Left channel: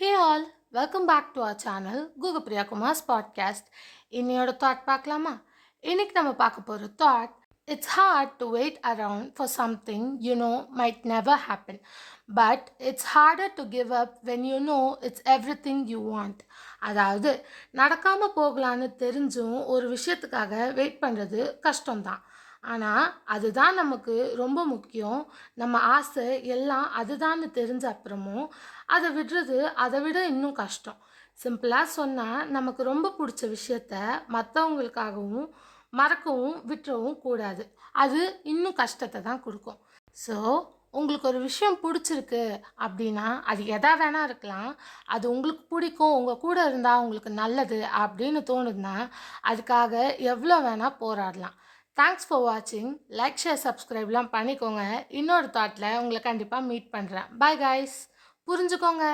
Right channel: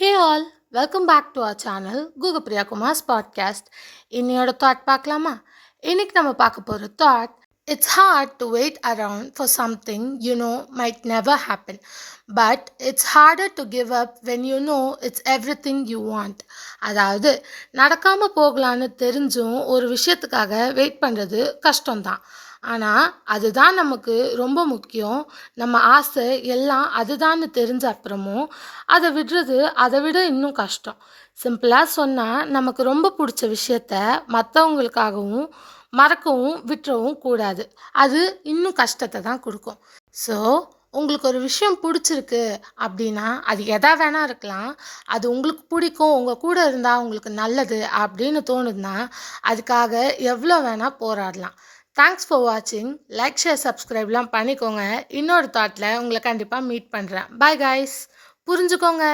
Hey all, welcome back to our channel Google Priya Kumar's podcast. இன்னையோட thought பார்க்கலாமா? இன்னைக்கு நம்ம பார்க்க போகிற thought, it's hard to wait around for something you know might never happen, but it's harder to give up when you know it's everything you want. அதாவது நடக்காமல் போகலான்னு தெரிஞ்சும் ஒரு விஷயத்துக்காக வெயிட் பண்ணுறது கஷ்டம்தான். ஆனால் அதுதான் நமக்கு ரொம்ப முக்கியம். நம்ம ஆசை எல்லாம் அதுதான்னு தெரிஞ்ச அப்புறமும் அதை விடுறது அதை விட இன்னும் கஷ்டம். சிம்பிளாக சொன்னால், நமக்கு ரொம்ப பிடிச்ச விஷயத்த மற்றவங்களுக்காகவும் மறக்கவும் விட்டுறவும் கூடாது. அது இன்னும் கஷ்டத்தை தான் கொடுக்கும். ஸோ உங்களுக்கு ஒரு விஷயம் பிடிச்சிருக்கு அப்படின்னா, அது எதா வேணா இருக்கலாம். அது உங்களுக்கு பிடிக்கும், உங்கள் கூட இருந்தால் உங்களுக்கு நல்லது அப்படின்னு தோணுதுன்னா, அதுக்காக எவ்வளோ வேணால் போராடலாம். தேங்க்ஸ் ஃபார் வாட்சிங். லைக், ஷேர், சப்ஸ்கிரைப்லாம் பண்ணிக்கோங்க. இன்னொரு தாட்டில் உங்களை கண்டிப்பாக மீட் பண்ணுறேன். Bye guys. புரிஞ்சுக்கோங்க.